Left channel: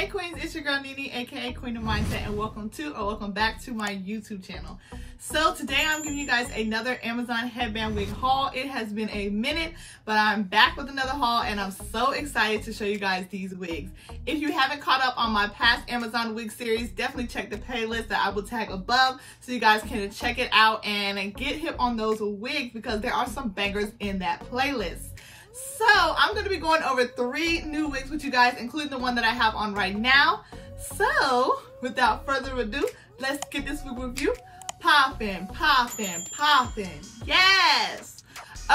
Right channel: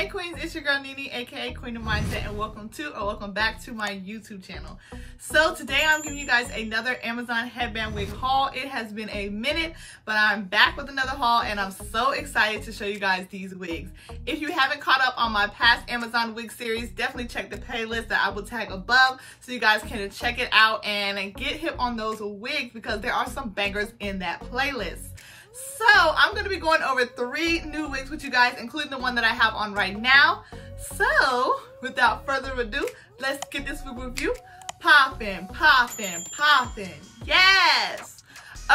Hey Queens, it's your girl Nene, aka Queendom Mindset, and welcome back to my YouTube channel. So today I'm giving you guys another Amazon headband wig haul. It has been a minute, but I'm back with another haul and I'm so excited to show you guys these wigs. If you haven't caught up on my past Amazon wig series, definitely check the playlist that I will tag above so you guys can check it out and get hip on those wigs because there are some bangers in that playlist. So I'm going to be going over 3 new wigs with you guys, including the one that I have on right now. So without further ado, let's get this wig review popping. Yes!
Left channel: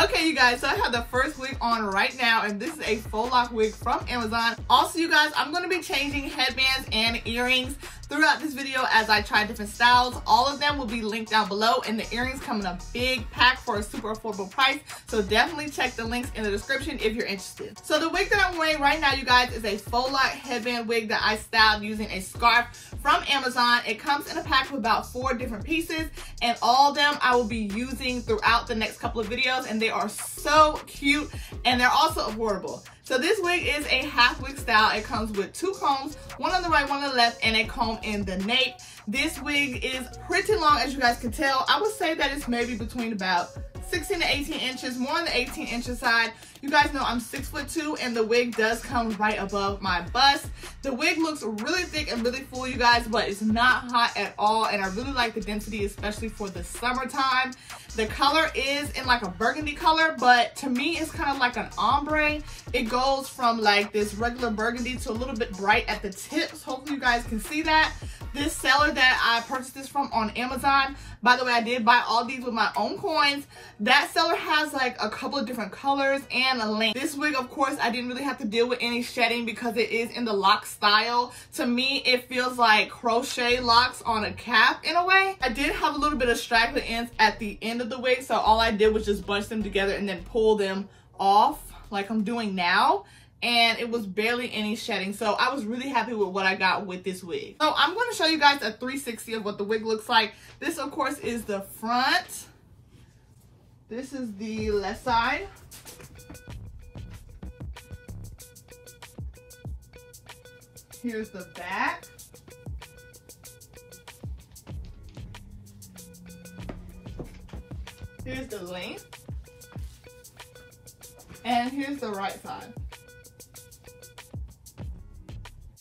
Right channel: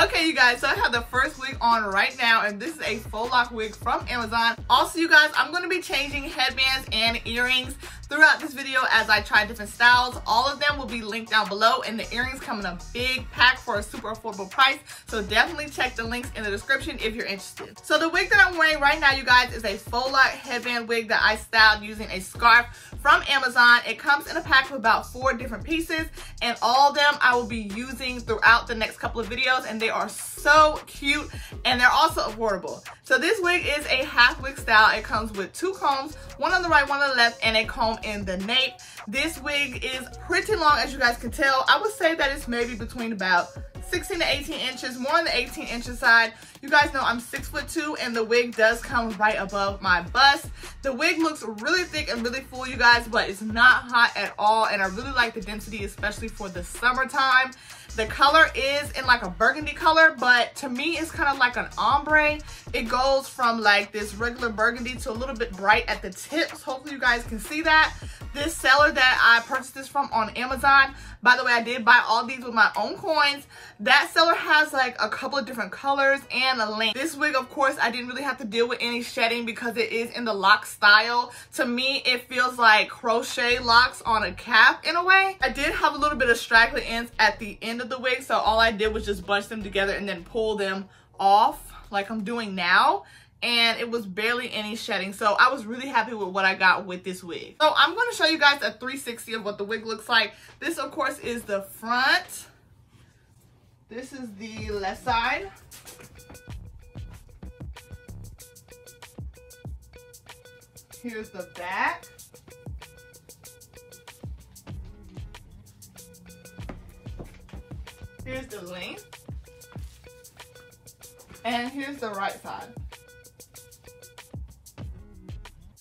Okay, you guys, so I have the first wig on right now, and this is a Faux Loc wig from Amazon. Also, you guys, I'm going to be changing headbands and earrings throughout this video as I try different styles. All of them will be linked down below, and the earrings come in a big pack for a super affordable price. So definitely check the links in the description if you're interested. So the wig that I'm wearing right now, you guys, is a Faux Loc headband wig that I styled using a scarf from Amazon. It comes in a pack with about 4 different pieces, and all of them I will be using throughout the next couple of videos, and they are so cute and they're also affordable. So this wig is a half wig style. It comes with 2 combs, one on the right, one on the left, and a comb in the nape. This wig is pretty long, as you guys can tell. I would say that it's maybe between about 16 to 18 inches, more on the 18 inch side. You guys know I'm 6'2", and the wig does come right above my bust. The wig looks really thick and really full, you guys, but it's not hot at all, and I really like the density, especially for the summertime. The color is in like a burgundy color, but to me it's kind of like an ombre. It goes from like this regular burgundy to a little bit bright at the tips. Hopefully you guys can see that. This seller that I purchased this from on Amazon, by the way, I did buy all these with my own coins. That seller has like a couple of different colors and a length. This wig, of course, I didn't really have to deal with any shedding because it is in the lock style. To me, it feels like crochet locks on a cap in a way. I did have a little bit of straggly ends at the end of the wig, so all I did was just bunch them together and then pull them off like I'm doing now. And it was barely any shedding, so I was really happy with what I got with this wig. So I'm going to show you guys a 360 of what the wig looks like. This, of course, is the front. This is the left side. Here's the back. Here's the length. And here's the right side.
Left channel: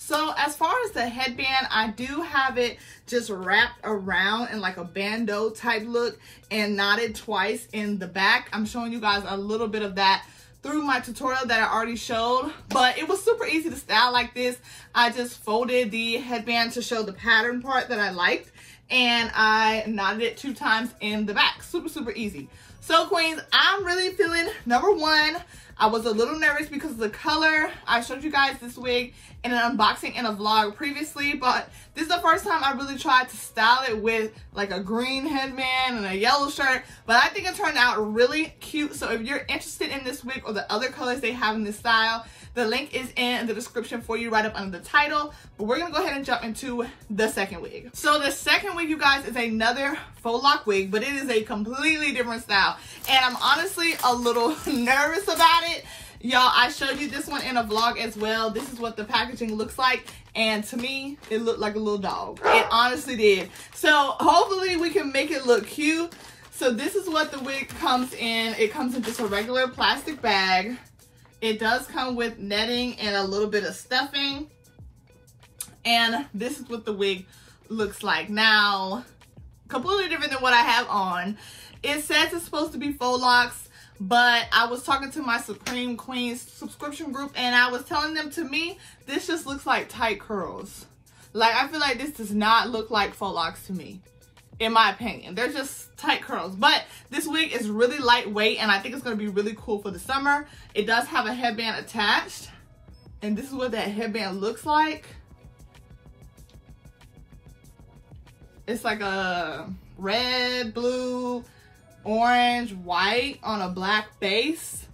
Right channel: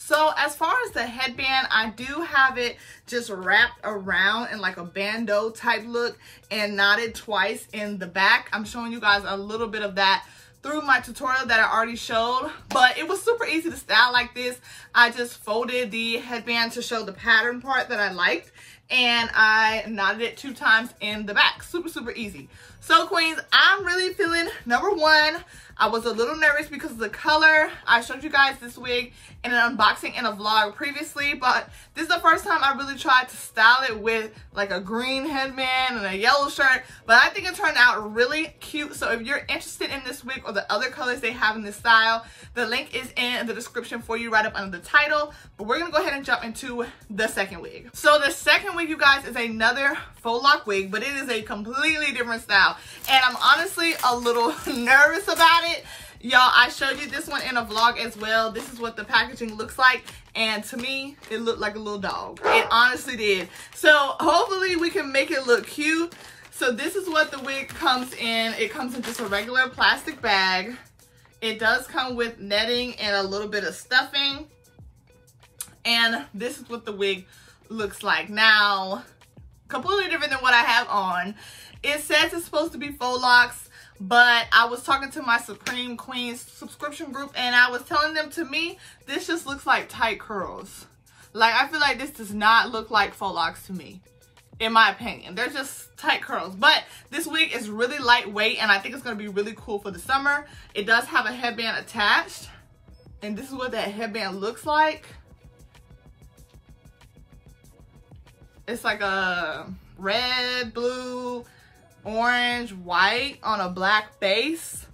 So as far as the headband, I do have it just wrapped around in like a bandeau type look and knotted twice in the back. I'm showing you guys a little bit of that through my tutorial that I already showed, but it was super easy to style like this. I just folded the headband to show the pattern part that I liked, and I knotted it 2 times in the back. Super easy. So queens, I'm really feeling, number one, I was a little nervous because of the color. I showed you guys this wig in an unboxing in a vlog previously, but this is the first time I really tried to style it with like a green headband and a yellow shirt, but I think it turned out really cute. So if you're interested in this wig or the other colors they have in this style, the link is in the description for you right up under the title. But we're gonna go ahead and jump into the second wig. So the second wig, you guys, is another Faux Loc wig, but it is a completely different style. And I'm honestly a little nervous about it. Y'all, I showed you this one in a vlog as well. This is what the packaging looks like. And to me, it looked like a little dog. It honestly did. So hopefully we can make it look cute. So this is what the wig comes in. It comes in just a regular plastic bag. It does come with netting and a little bit of stuffing. And this is what the wig looks like. Now, completely different than what I have on. It says it's supposed to be faux locks, but I was talking to my Supreme Queens subscription group and I was telling them, to me, this just looks like tight curls. Like, I feel like this does not look like faux locks to me, in my opinion. They're just tight curls, but this wig is really lightweight and I think it's going to be really cool for the summer. It does have a headband attached, and this is what that headband looks like. It's like a red, blue, orange, white on a black base,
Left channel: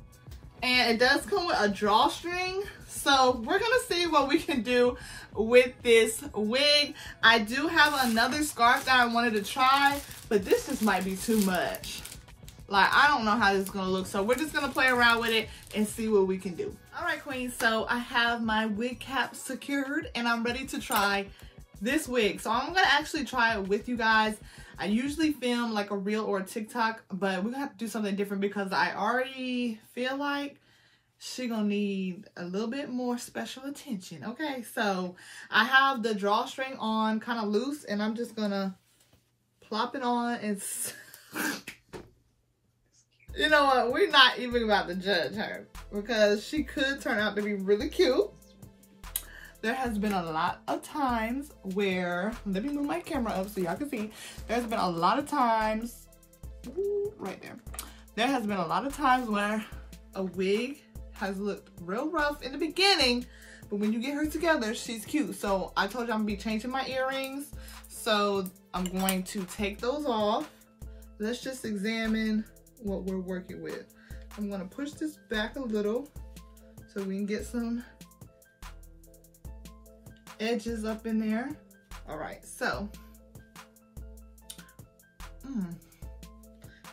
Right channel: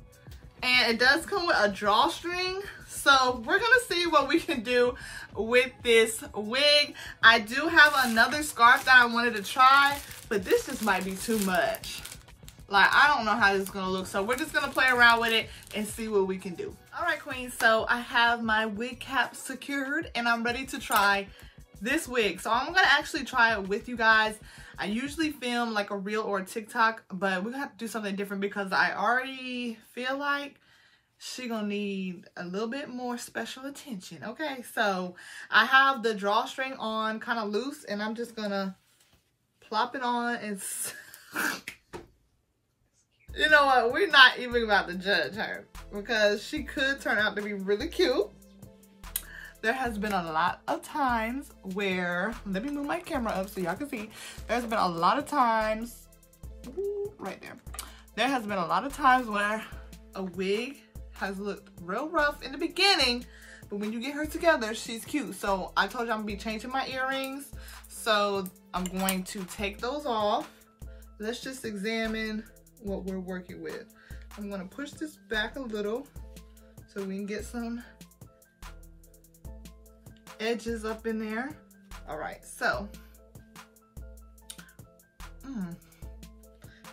and it does come with a drawstring. So we're gonna see what we can do with this wig. I do have another scarf that I wanted to try, but this just might be too much. Like, I don't know how this is gonna look, so we're just gonna play around with it and see what we can do. All right, queens, so I have my wig cap secured and I'm ready to try this wig. So I'm gonna actually try it with you guys. I usually film like a reel or a TikTok, but we're gonna have to do something different because I already feel like she gonna need a little bit more special attention. Okay, so I have the drawstring on kind of loose and I'm just gonna plop it on and you know what, we're not even about to judge her because she could turn out to be really cute. There has been a lot of times where, let me move my camera up so y'all can see. There's been a lot of times, ooh, right there. There has been a lot of times where a wig has looked real rough in the beginning, but when you get her together, she's cute. So I told you I'm gonna be changing my earrings. So I'm going to take those off. Let's just examine what we're working with. I'm gonna push this back a little so we can get some edges up in there. All right, so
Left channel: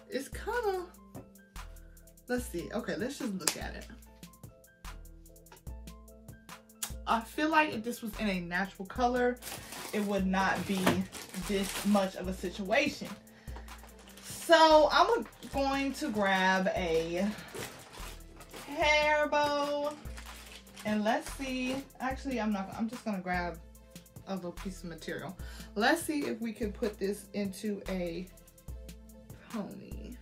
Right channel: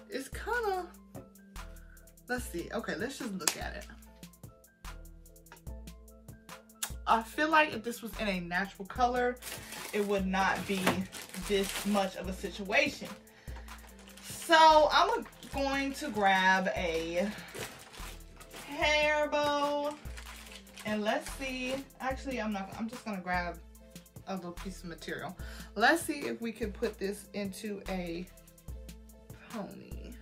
it's kind of, let's see. Okay, let's just look at it. I feel like if this was in a natural color, it would not be this much of a situation. So I'm going to grab a hair bow and let's see. Actually, I'm just gonna grab a little piece of material. Let's see if we can put this into a pony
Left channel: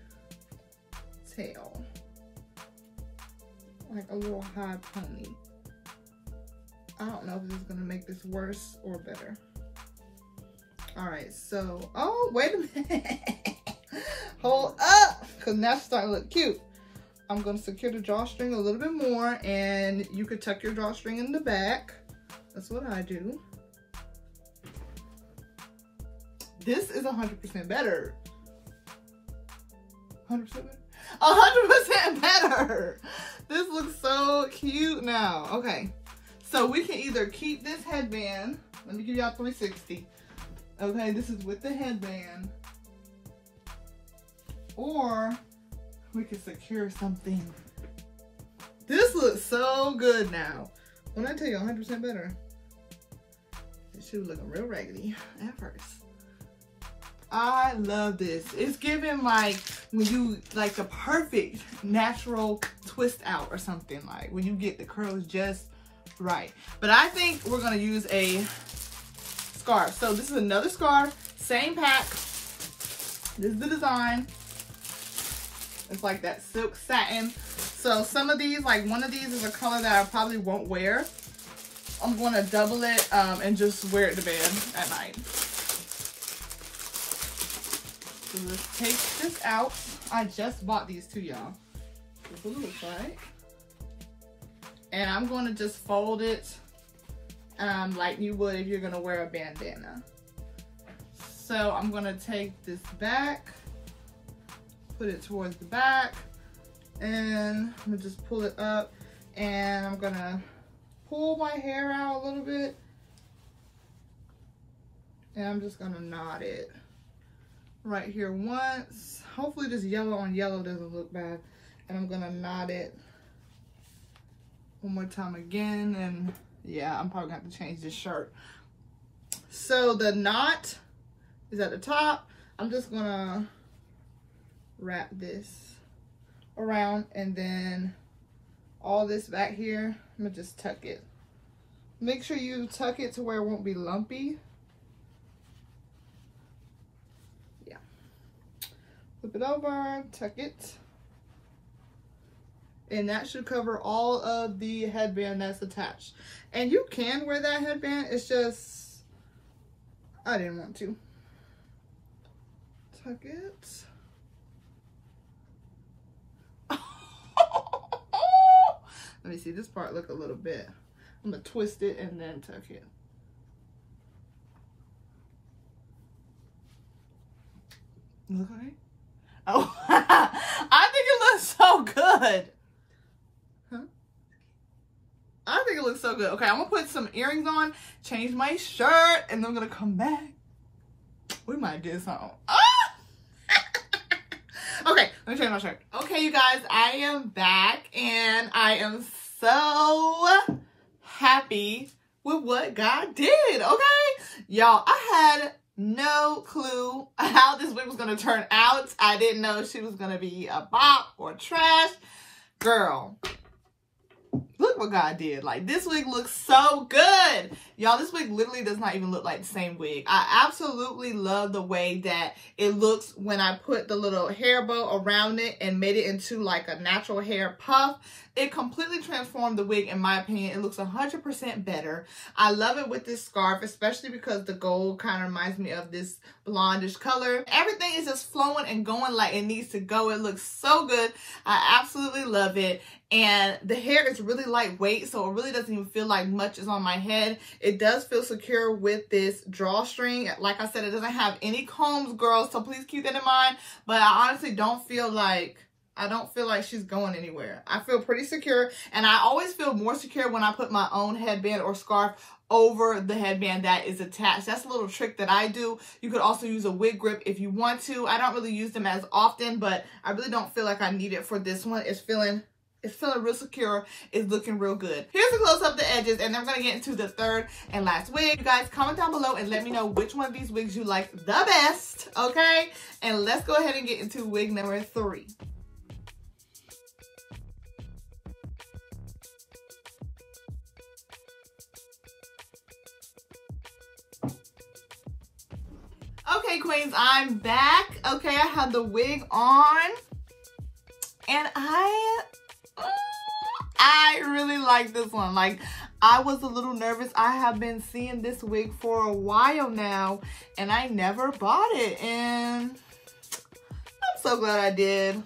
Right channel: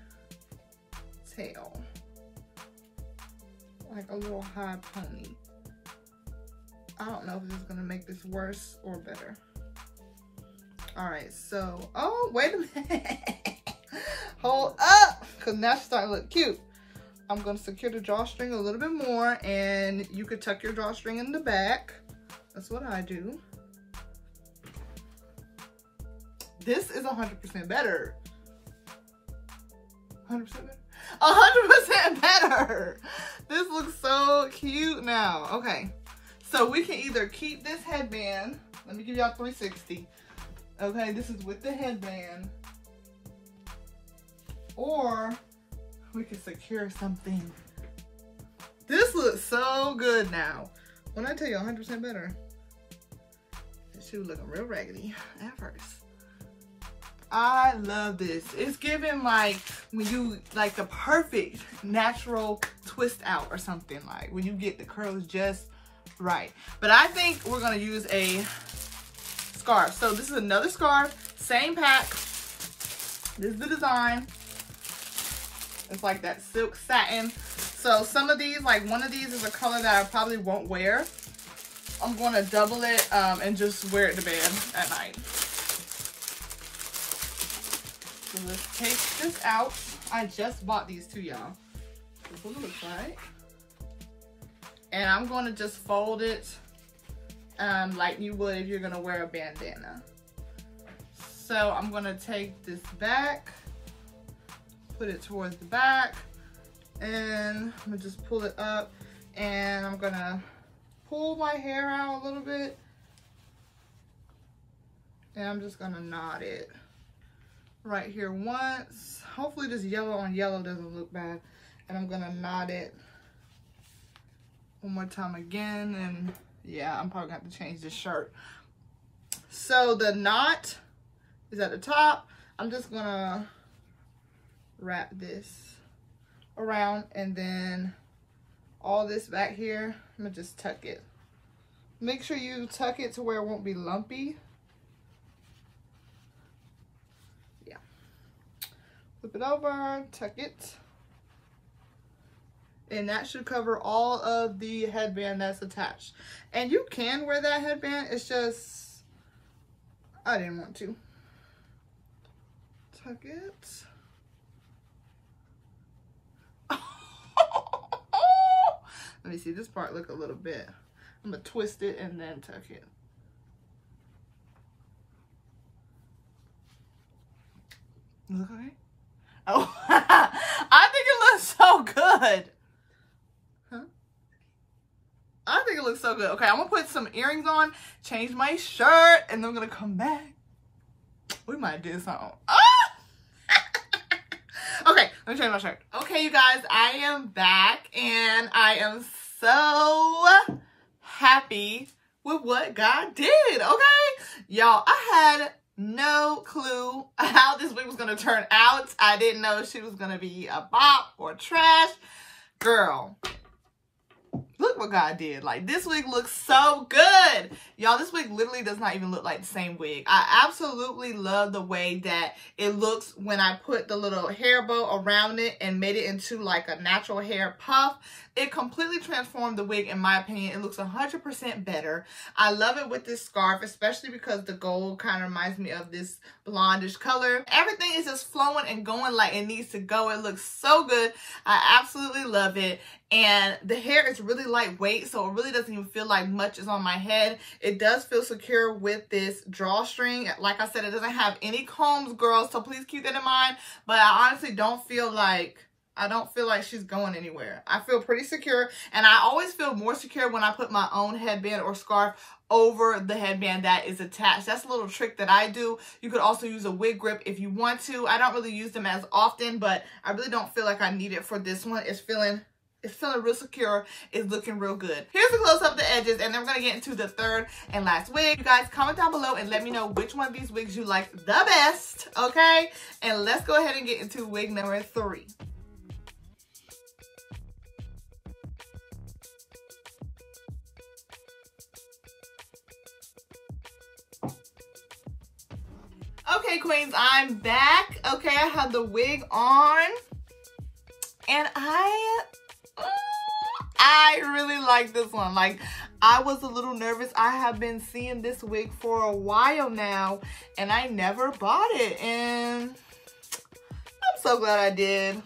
tail, like a little high pony. I don't know if this is gonna make this worse or better. All right, so, oh, wait a minute. Hold up, because now she's starting to look cute. I'm gonna secure the drawstring a little bit more, and you could tuck your drawstring in the back. That's what I do. This is 100% better. 100% better? 100% better. This looks so cute now. Okay, so we can either keep this headband. Let me give y'all 360. Okay, this is with the headband. Or we could secure something. This looks so good now. When I tell you 100% better, she was looking real raggedy at first. I love this. It's giving like when you like the perfect natural twist out or something, like when you get the curls just right. But I think we're gonna use a scarf. So this is another scarf, same pack. This is the design. It's like that silk satin. So some of these, like one of these is a color that I probably won't wear. I'm gonna double it and just wear it to bed at night. So let's take this out. I just bought these too, y'all. That's what it looks like. And I'm gonna just fold it like you would if you're gonna wear a bandana. So I'm gonna take this back, put it towards the back, and I'm gonna just pull it up, and I'm gonna pull my hair out a little bit, and I'm just gonna knot it right here once. Hopefully this yellow on yellow doesn't look bad. And I'm gonna knot it one more time again, and yeah, I'm probably gonna have to change this shirt. So the knot is at the top. I'm just gonna wrap this around, and then all this back here, I'm gonna just tuck it. Make sure you tuck it to where it won't be lumpy. Yeah. Flip it over, tuck it. And that should cover all of the headband that's attached. And you can wear that headband, it's just, I didn't want to. Tuck it. Let me see, this part look a little bit. I'm gonna twist it and then tuck it. Look okay? Oh, I think it looks so good. Huh? I think it looks so good. Okay, I'm gonna put some earrings on, change my shirt, and then I'm gonna come back. We might do something. Ah! Okay, Let me show you my shirt. Okay, you guys, I am back and I am so happy with what God did, okay? Y'all, I had no clue how this wig was gonna turn out. I didn't know she was gonna be a bop or trash. Girl, look what God did. Like, this wig looks so good. Y'all, this wig literally does not even look like the same wig. I absolutely love the way that it looks when I put the little hair bow around it and made it into like a natural hair puff. It completely transformed the wig, in my opinion. It looks 100% better. I love it with this scarf, especially because the gold kind of reminds me of this blondish color. Everything is just flowing and going like it needs to go. It looks so good. I absolutely love it. And the hair is really lightweight, so it really doesn't even feel like much is on my head. It does feel secure with this drawstring. Like I said, it doesn't have any combs, girls, so please keep that in mind. But I honestly don't feel like she's going anywhere. I feel pretty secure, and I always feel more secure when I put my own headband or scarf over the headband that is attached. That's a little trick that I do. You could also use a wig grip if you want to. I don't really use them as often, but I really don't feel like I need it for this one. It's feeling real secure. It's looking real good. Here's a close up of the edges, and then we're gonna get into the third and last wig. You guys comment down below and let me know which one of these wigs you like the best, okay? And let's go ahead and get into wig number 3. Okay, queens, I'm back. Okay, I have the wig on, and I really like this one. Like, I was a little nervous. I have been seeing this wig for a while now, and I never bought it, and I'm so glad I did.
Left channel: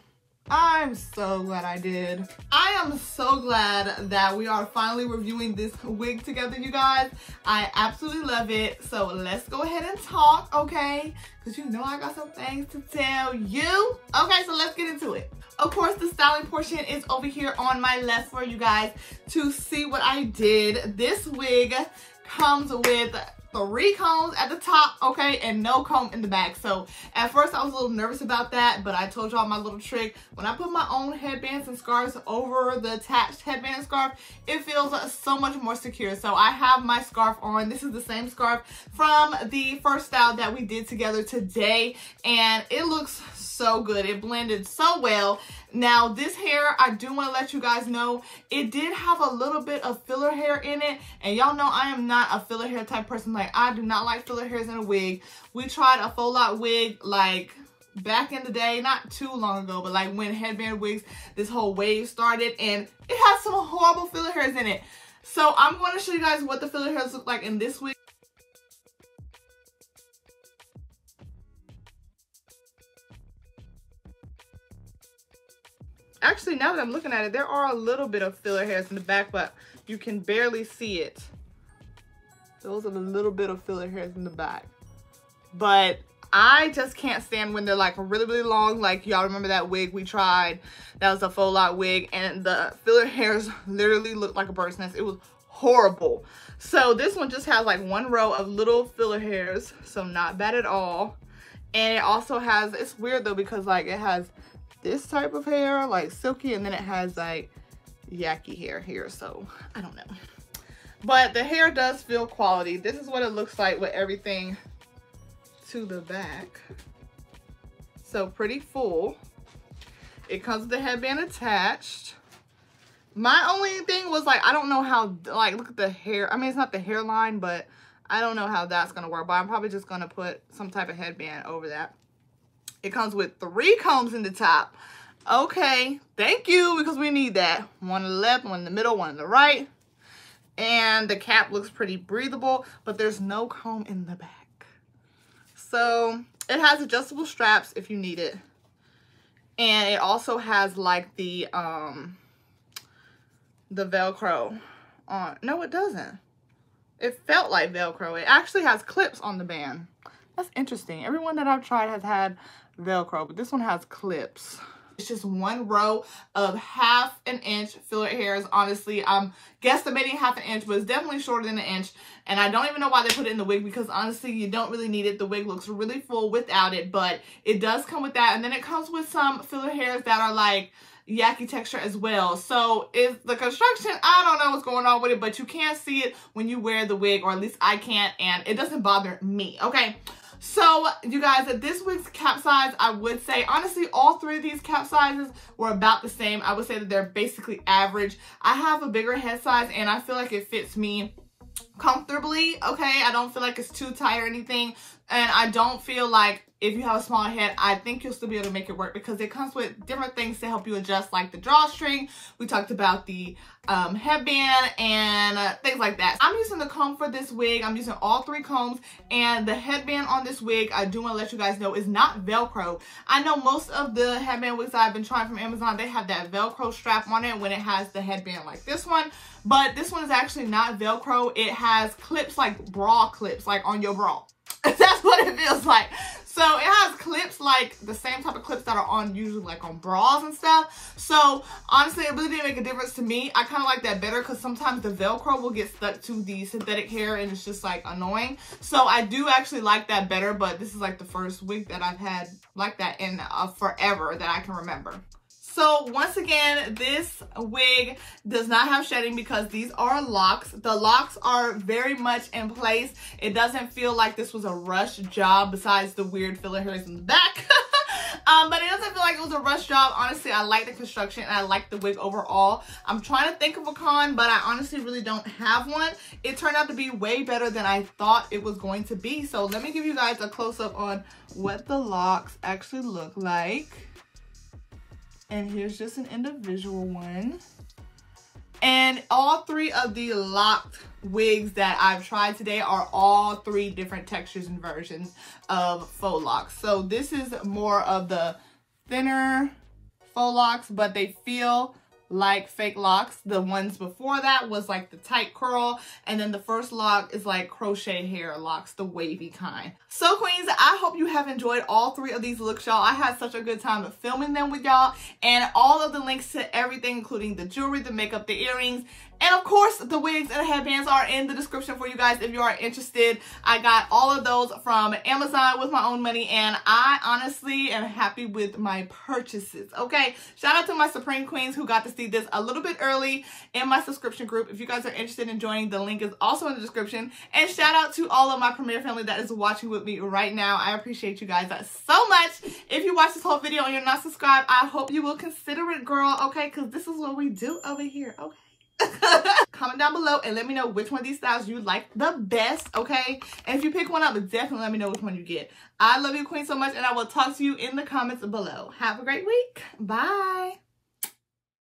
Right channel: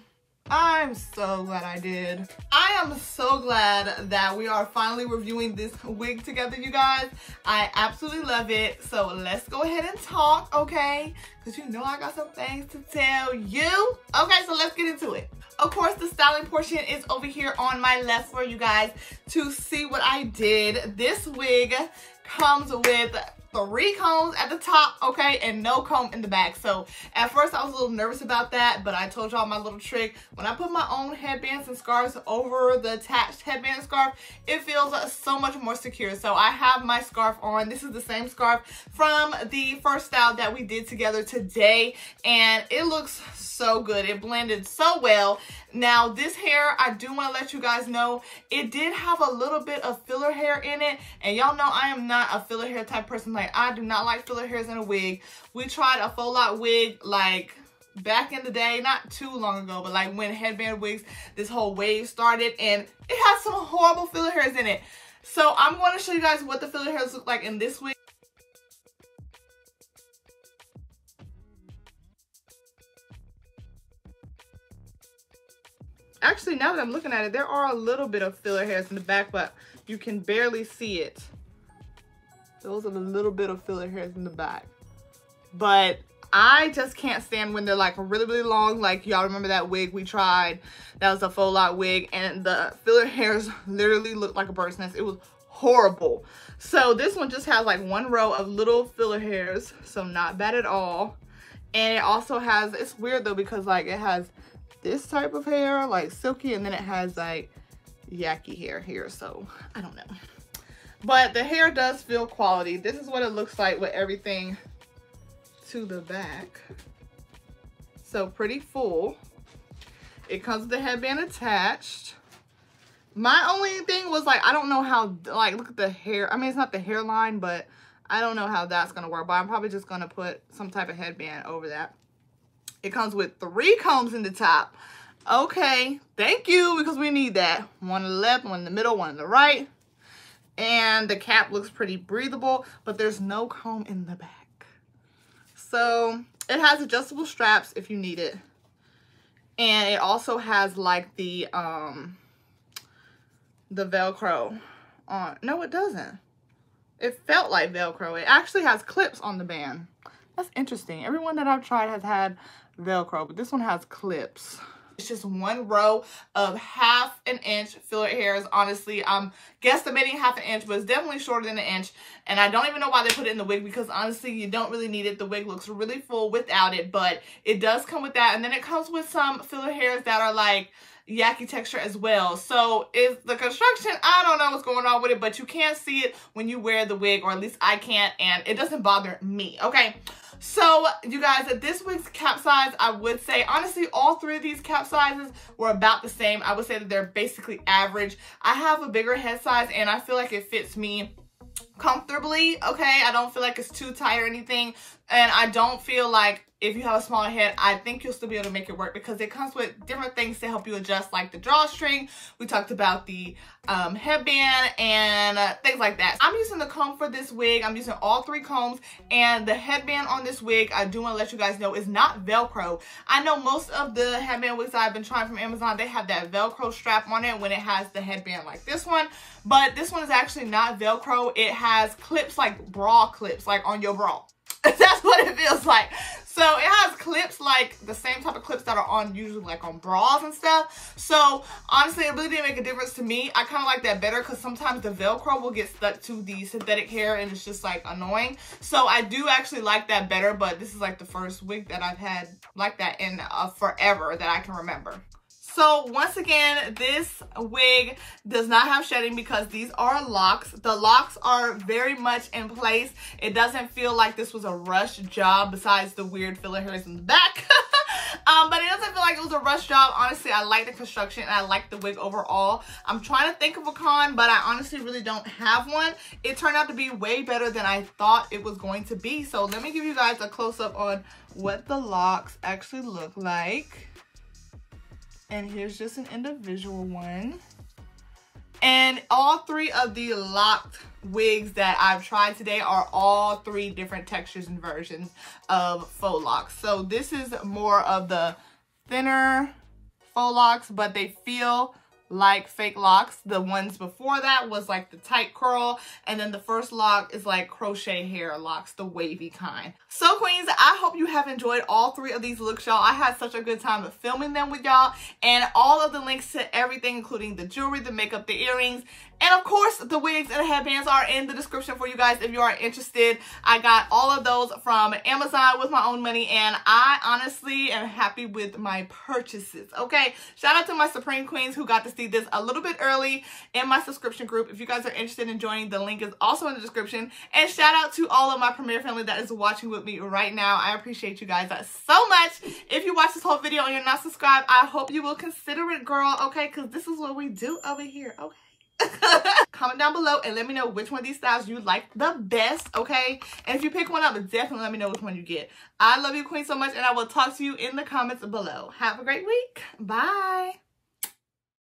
I'm so glad I did. I am so glad that we are finally reviewing this wig together, you guys. I absolutely love it. So let's go ahead and talk, okay? Because you know I got some things to tell you. Okay, so let's get into it. Of course, the styling portion is over here on my left for you guys to see what I did. This wig comes with 3 combs at the top, okay, and no comb in the back. So at first I was a little nervous about that, but I told y'all my little trick. When I put my own headbands and scarves over the attached headband scarf, it feels so much more secure. So I have my scarf on. This is the same scarf from the first style that we did together today, and it looks so good. It blended so well. Now this hair, I do want to let you guys know, it did have a little bit of filler hair in it, and y'all know I am not a filler hair type person. Like, I do not like filler hairs in a wig. We tried a Faux Loc wig like back in the day, not too long ago, but like when headband wigs, this whole wave started, and it has some horrible filler hairs in it. So I'm going to show you guys what the filler hairs look like in this wig. Actually, now that I'm looking at it, there are a little bit of filler hairs in the back, but you can barely see it. Those are the little bit of filler hairs in the back. But I just can't stand when they're like really, really long. Like, y'all remember that wig we tried? That was a Faux Loc wig, and the filler hairs literally looked like a bird's nest. It was horrible. So this one just has like 1 row of little filler hairs, so not bad at all. And it also has, it's weird though, because like it has this type of hair, like silky, and then it has like yucky hair here, so I don't know. But the hair does feel quality. This is what it looks like with everything to the back. So pretty full. It comes with the headband attached. My only thing was like, I don't know how, like, look at the hair. I mean, it's not the hairline, but I don't know how that's gonna work, but I'm probably just gonna put some type of headband over that. It comes with 3 combs in the top. Okay, thank you, because we need that. 1 on the left, 1 in the middle, 1 on the right. And the cap looks pretty breathable, but there's no comb in the back. So it has adjustable straps if you need it. And it also has like the Velcro on. No, it doesn't. It felt like Velcro. It actually has clips on the band. That's interesting. Everyone that I've tried has had Velcro, but this one has clips. It's just one row of 1/2 inch fillet hairs. Honestly, I'm guesstimating 1/2 inch, but it's definitely shorter than 1 inch. And I don't even know why they put it in the wig, because honestly, you don't really need it. The wig looks really full without it, but it does come with that. And then it comes with some fillet hairs that are like yucky texture as well. So is the construction, I don't know what's going on with it, but you can't see it when you wear the wig, or at least I can't, and it doesn't bother me. Okay, so you guys, this wig's cap size, I would say honestly all 3 of these cap sizes were about the same. I would say that they're basically average. I have a bigger head size and I feel like it fits me comfortably. Okay, I don't feel like it's too tight or anything, and I don't feel like if you have a smaller head, I think you'll still be able to make it work, because it comes with different things to help you adjust, like the drawstring. We talked about the headband and things like that. I'm using the comb for this wig. I'm using all 3 combs, and the headband on this wig, I do want to let you guys know, is not Velcro. I know most of the headband wigs I've been trying from Amazon, they have that Velcro strap on it when it has the headband like this one, but this one is actually not Velcro. It has clips, like bra clips, like on your bra. That's what it feels like. So it has clips, like the same type of clips that are on usually like on bras and stuff. So honestly, it really didn't make a difference to me. I kind of like that better, because sometimes the Velcro will get stuck to the synthetic hair and it's just like annoying. So I do actually like that better, but this is like the first wig that I've had like that in forever that I can remember. So once again, this wig does not have shedding because these are locks. The locks are very much in place. It doesn't feel like this was a rush job, besides the weird filler hairs in the back. But it doesn't feel like it was a rush job. Honestly, I like the construction and I like the wig overall. I'm trying to think of a con, but I honestly really don't have one. It turned out to be way better than I thought it was going to be. So let me give you guys a close-up on what the locks actually look like. And here's just an individual one. And all 3 of the locked wigs that I've tried today are all 3 different textures and versions of faux locks. So this is more of the thinner faux locks, but they feel like fake locks. The ones before that was like the tight curl, and then the first lock is like crochet hair locks, the wavy kind. So queens, I hope you have enjoyed all 3 of these looks, y'all. I had such a good time filming them with y'all, and all of the links to everything, including the jewelry, the makeup, the earrings, and of course the wigs and the headbands, are in the description for you guys if you are interested. I got all of those from Amazon with my own money, and I honestly am happy with my purchases. Okay, shout out to my Supreme Queens who got to see this a little bit early in my subscription group. If you guys are interested in joining, the link is also in the description. And shout out to all of my Premier family that is watching with me right now. I appreciate you guys so much. If you watch this whole video and you're not subscribed, I hope you will consider it, girl. Okay, because this is what we do over here. Okay. Comment down below and let me know which one of these styles you like the best, okay? And if you pick one up, definitely let me know which one you get. I love you, queen, so much, and I will talk to you in the comments below. Have a great week. Bye.